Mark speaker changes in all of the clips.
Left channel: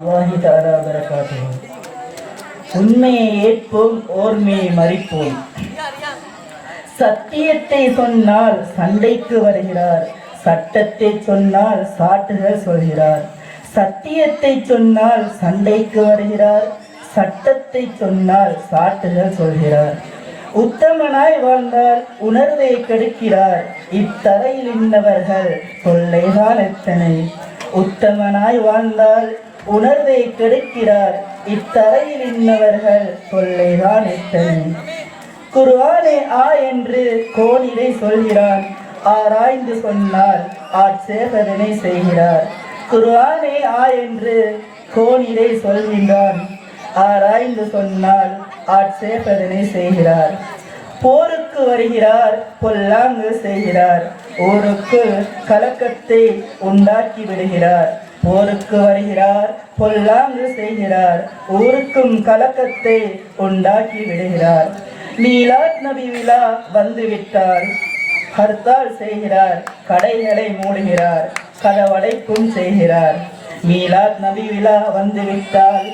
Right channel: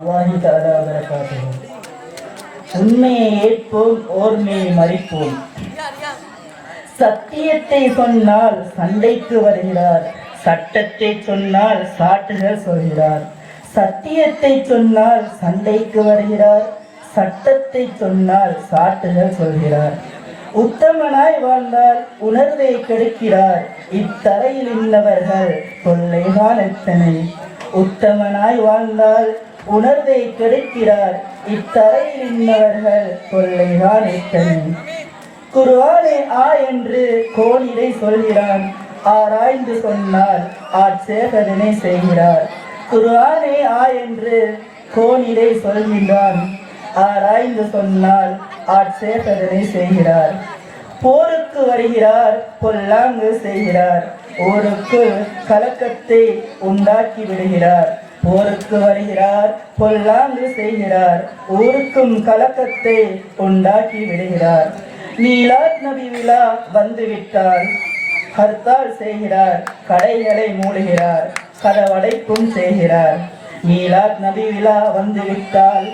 Speaker 1: அல்லாஹி உண்மையை ஏற்போம் ஓர்மையை மறிப்போம். சத்தியத்தை சொன்னால் சண்டைக்கு வருகிறார். சட்டத்தை சொன்னால் சாட்டுகள் சொல்கிறார். சத்தியத்தை சொன்னால் சண்டைக்கு வருகிறார். சட்டத்தை சொன்னால் சாட்டுகள் சொல்கிறார். உத்தமனாய் வாழ்ந்தால் உணர்வை கெடுக்கிறார். இத்தரையில் இருந்தவர்கள் கொள்ளைதான் எத்தனை? உத்தமனாய் வாழ்ந்தால் உணர்வை கெடுக்கிறார். இத்தலையில் இன்னவர்கள் கொள்ளைதான் எத்தனை குர்ஆனே ஆ என்று கோணிலை சொல்கிறான். ஆராய்ந்து சொன்னால் ஆட்சேபதனை செய்கிறார். குருவானே ஆ என்று கோணிலை சொல்கிறான் ஆராய்ந்து சொன்னால் ஆட்சேபதனை செய்கிறார். போருக்கு வருகிறார் பொல்லாங்கு செய்கிறார். ஊருக்கு கலக்கத்தை உண்டாக்கி விடுகிறார். போருக்கு வருகிறார் பொல்லாங்கு செய்கிறார் ஊருக்கும் கலக்கத்தை உண்டாக்கி விடுகிறார். மீலாத் நபி விழா வந்துவிட்டால் ஹர்த்தால் செய்கிறார் கடைகளை மூடுகிறார் கதவடைப்பும் செய்கிறார். மீலாத் நபி விழா வந்துவிட்டால்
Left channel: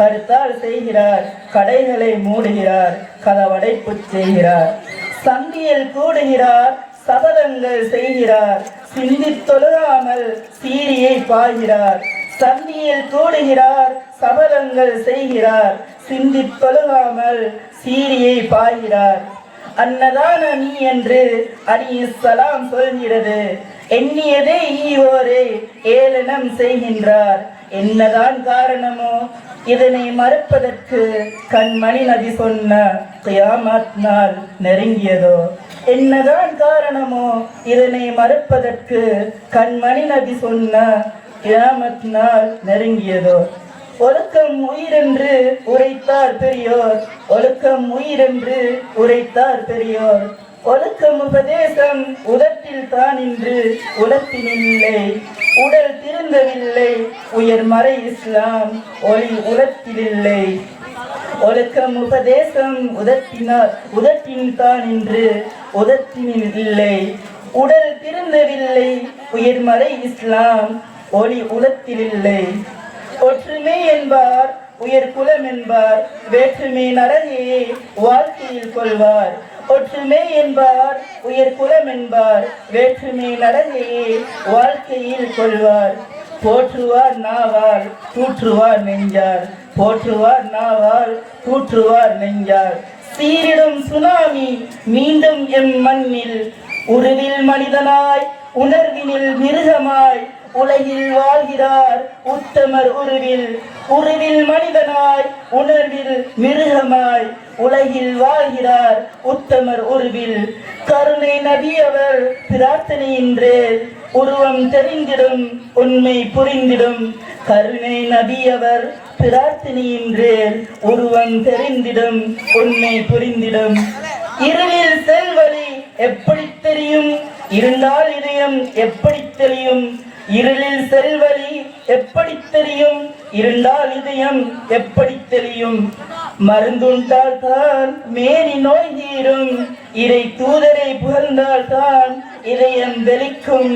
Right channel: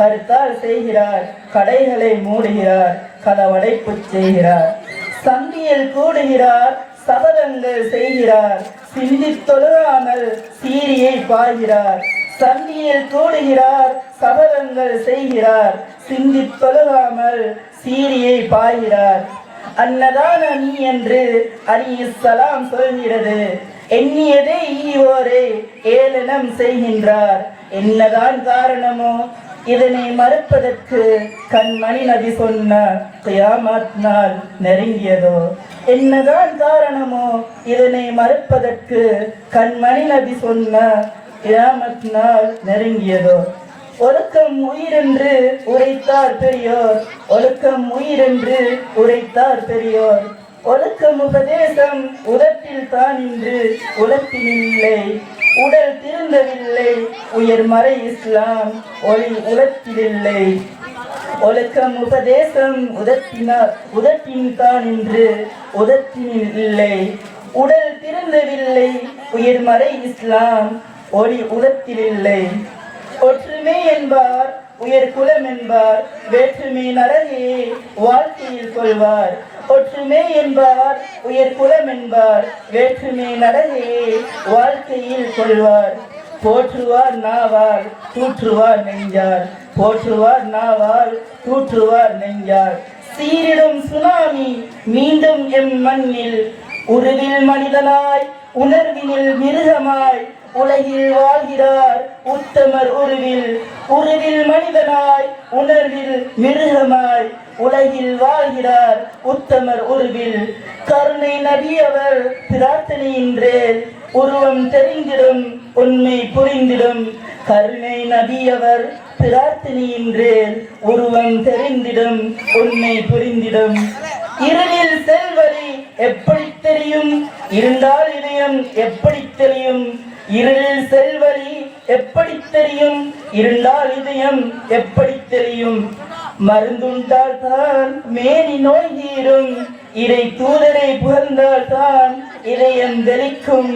Speaker 1: ஹர்த்தால் செய்கிறார் கடைகளை மூடுகிறார் கதவடைப்பு செய்கிறார். சந்தியில் கூடுகிறார் சபதங்கள் செய்கிறார் சிந்தித் தொழுகாமல் சீரியை பாய்கிறார் சந்தியில் தூடுகிறார் சபலங்கள் செய்கிறார் சிந்தித் தொழுகாமல் சீரியை பாய்கிறார். அன்னதான நீ என்று அணி சலாம் சொல்கிறது. எண்ணியதே ஈவோரே ஏளனம் செய்கின்றார். என்னதான் காரணமோ இதனை மறுப்பதற்கு கண்மணி நபி சொன்ன கியாமத் நாள் நெருங்கியதோ. என்னதான் காரணமோ இதனை மறுப்பதற்கு கண்மணி நபி சொன்ன கியாமத் நாள் நெருங்கியதோ? ஒழுக்கம் உயிரென்று உரைத்தார் பெரியோர். ஒழுக்கம் உயிரென்று உரைத்தார் பெரியோர். ஒழுக்கம் உபதேசம் உதட்டில் தான் இன்று உலத்தினில்லை. உடல் திருந்தவில்லை. உயர்மறை இஸ்லாம் ஒளி உலத்திலில்லை. ஒழுக்கம் உபதேசம் உதட்டினார் உதட்டின் தான் இன்று உதட்டினில் இல்லை. உடல் திருந்தவில்லை. உயர்மறை இஸ்லாம் ஒளி உலத்தில் இல்லை ஒற்றுமை என்பார் உயர் குலம் என்பார் வேற்றுமை நரகே வாழ்க்கையில் கொள்வார். ஒற்றுமை என்பார் உயர் குலம் என்பார் வேற்றுமை நரகே வாழ்க்கையில் கொள்வார். போற்றுவார் நாவார் கூற்றுவார் நெஞ்சார். போற்றுவார் நாவார் கூற்றுவார் நெஞ்சார். சீரிடும் சுனாமி மீண்டும் எம் மண்ணில் உருவில் மனிதனாய் உணர்வினில் மிருகமாய் உலகில் வாழ்கிறார் உத்தமர் உருவில். உருவில் மனிதனாய் உணர்வில் மிருகமாய் உலகில் வாழ்கிறார் உத்தமர் உருவில். கருணை நபி அவர் பிரார்த்தனையின்றேல் உருவம் தெரிந்திடும் உண்மை புரிந்திடும். கருணை நபி அவர் பிரார்த்தனையின்றேல் உருவம் தெரிந்திடும் உண்மை புரிந்திடும். இருளில் செல் எப்படி தெரியும் இருந்தால் இதயம்? எப்படி தெரியும் இருளில் செல்வழி எப்படி தெரியும்? இருந்தால் இதயம் எப்படி தெரியும் மருந்துண்டால் தான் மேனி நோய் தீரும் இதை தூதரை புகழ்ந்தால் தான் இதயம் தெளிக்கும்.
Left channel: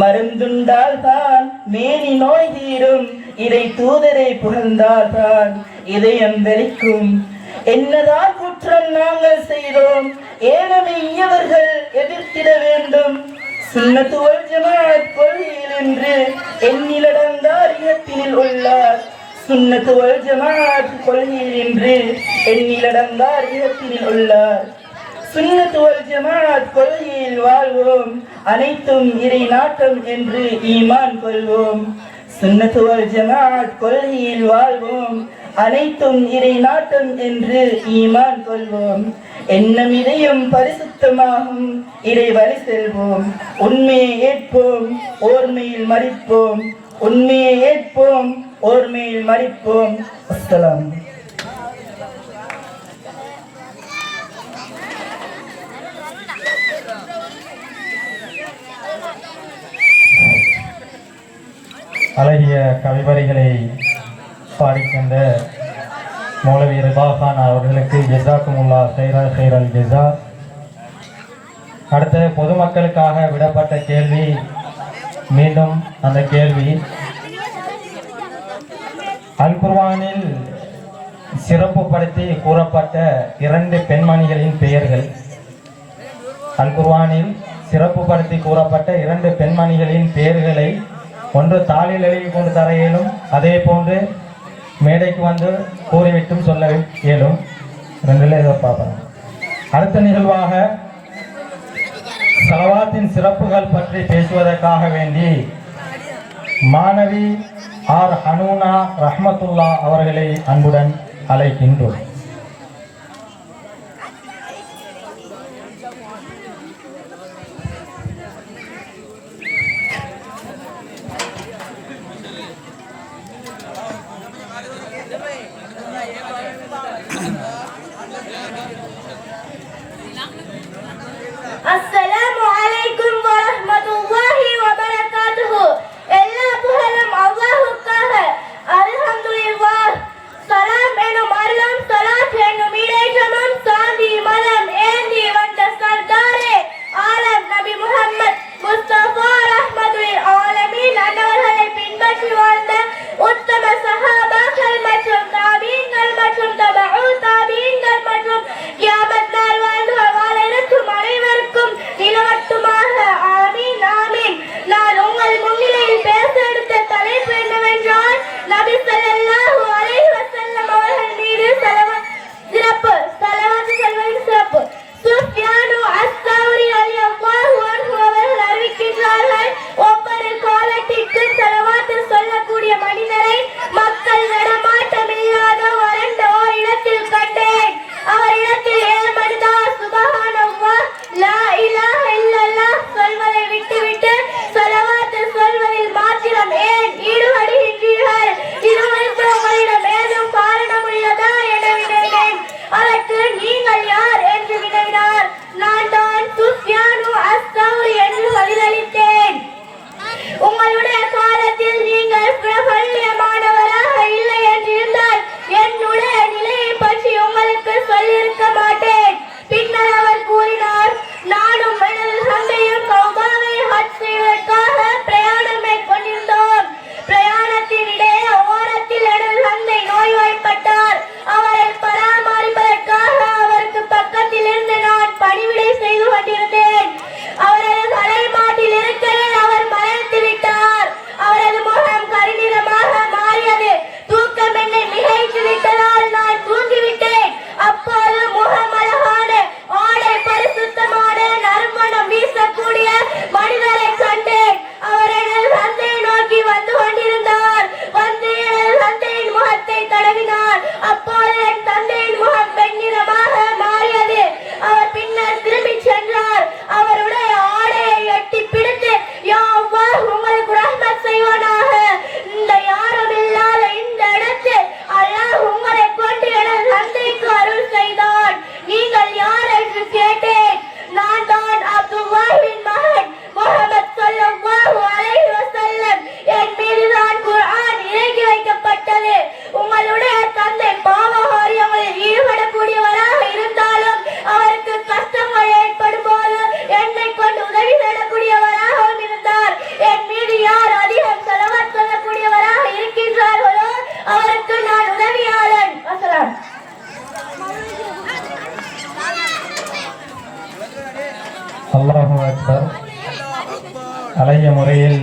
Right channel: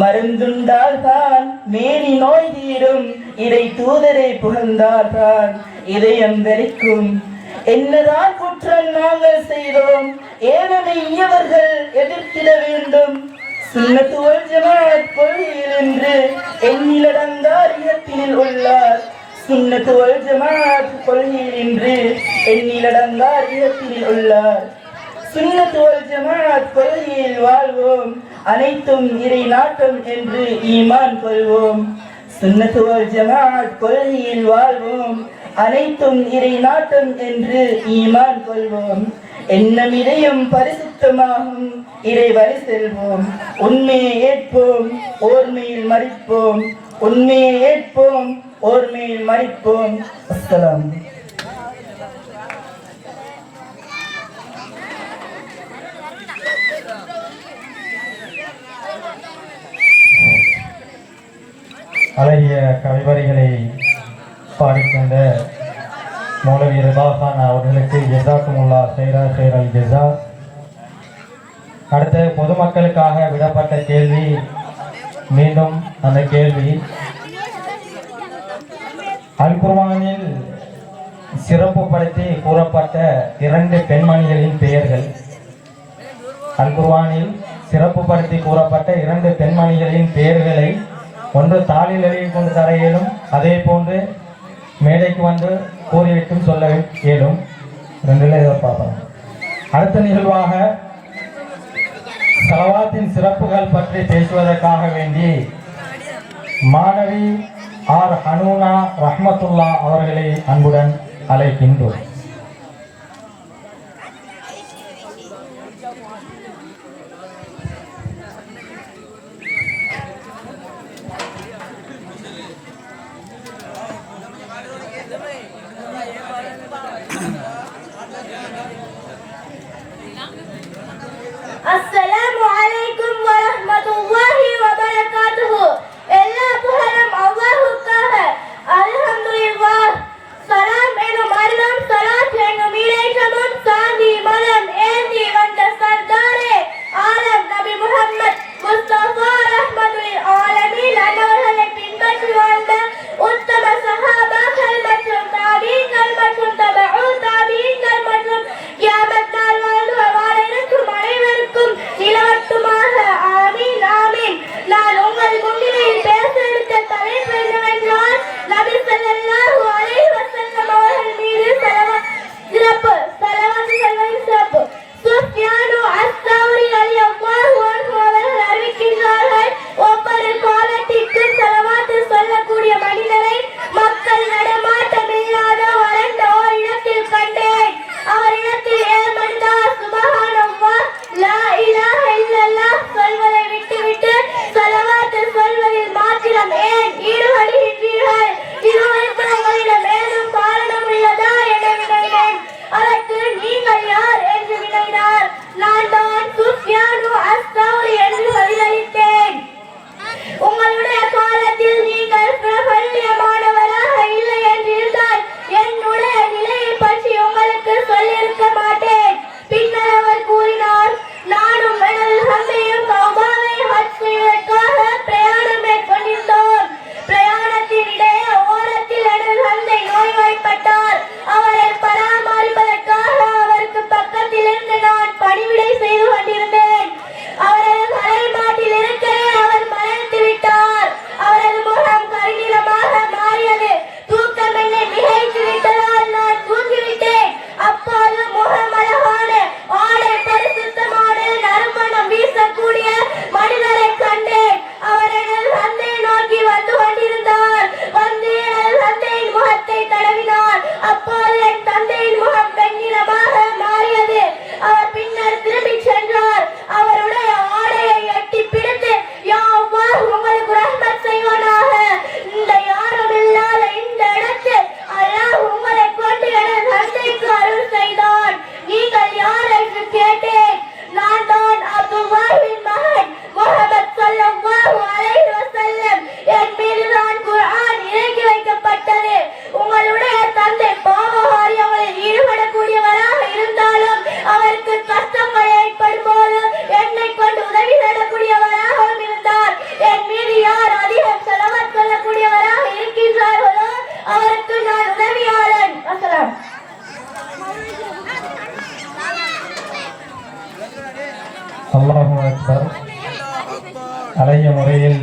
Speaker 1: மருந்துண்டால் தான் மேனி நோய் தீரும் இதை தூதரை புகழ்ந்தால் தான் இதயம் தெளிக்கும். என்னதான் குற்றம் நாங்கள் செய்தோம் ஏழமை இயவர்கள் எதிர்த்திட வேண்டும். சுண்ணத்துவல் ஜமாத் கொள்கையில் என்று எண்ணிலடங்கார் இயத்தினில் உள்ளார். சுண்ணத்துவல் ஜமாத் கொள்கையில் என்று எண்ணிலடங்கார் இயத்தினில் உள்ளார். சுன்னத்துவல் ஜமாத் கொள்கையில் வாழ்வோம் அனைத்தும் இறை நாட்டம் என்று ஈமான் கொள்வோம். சுன்னத்துவல் ஜமாத் கொள்கையில் வாழ்வோம் அனைத்தும் இறை நாட்டம் என்று ஈமான் கொள்வோம். எண்ணம் இதயம் பரிசுத்தமாகும் இறை வரி செல்வோம். உண்மையை ஏற்போம் ஓர்மையில் மறிப்போம். உண்மையை ஏற்போம் ஓர்மையில் மறிப்போம். அஸ்லாம்
Speaker 2: அழகிய கவிவரிகளை பாடிக்கின்ற மௌலவி ரிபாகான் அவர்களுக்கு ஜெசாக்குமுல்லா ஹைரா ஹைரால் ஜெசா அடுத்து பொதுமக்களுக்காக விடப்பட்ட கேள்வி மீண்டும் அந்த கேள்வி. அல்குர்வானில் சிறப்புப்படுத்தி கூறப்பட்ட இரண்டு பெண்மணிகளின் பெயர்கள். அல்குர்வானில் சிறப்பு படுத்தி கூறப்பட்ட இரண்டு பெண்மணிகளின் பெயர்களை ஒன்று தாளில் எழுதி கொண்டு தர இயலும் அதே போன்று மேடைக்கு வந்து கூறி வைக்கும் சொல்ல இயலும். ரெண்டில் ஏதோ அடுத்த நிகழ்வாக செலவாத்தின் சிறப்புகள் பற்றி பேசுவதற்காக வேண்டி மாணவி ஆர் ஹனூனா ரஹமத்துல்லா அவர்களை அன்புடன் அழைக்கின்றோம்.
Speaker 3: அல்லாஹு
Speaker 2: அக்பர். அலைய முறையில்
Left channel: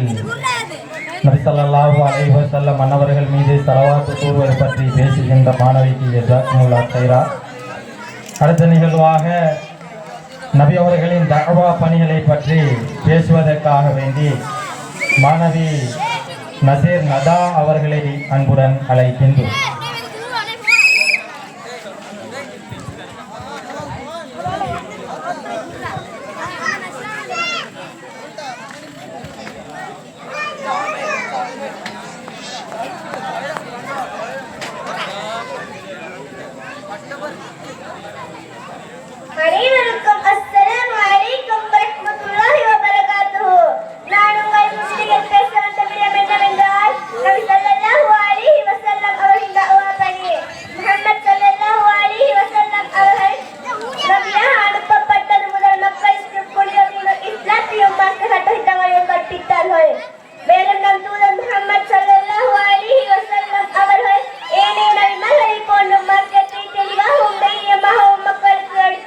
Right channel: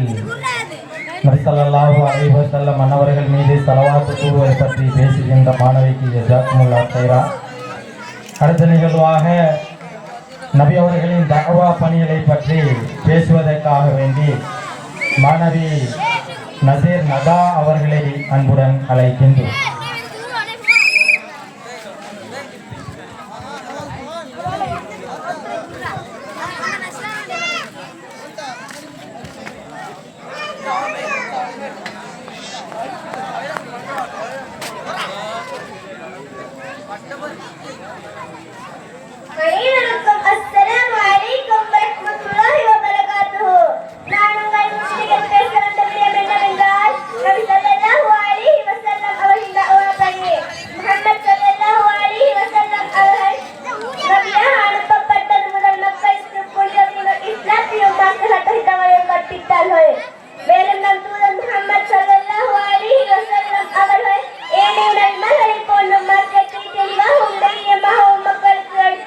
Speaker 2: நபிசல்லாஹு அலைஹு செல்ல மன்னவர்கள் மீது செலவாத்து கூறுவது பற்றி பேசுகின்ற மாணவிக்கு ஜசாத்முல்லா செய்கிறா அடுத்த நிகழ்வாக நபி அவர்களின் தகவா பணிகளை பற்றி பேசுவதற்காக வேண்டி மாணவி நசீர் நதா அவர்களை அன்புடன் அழைக்கின்றோம்.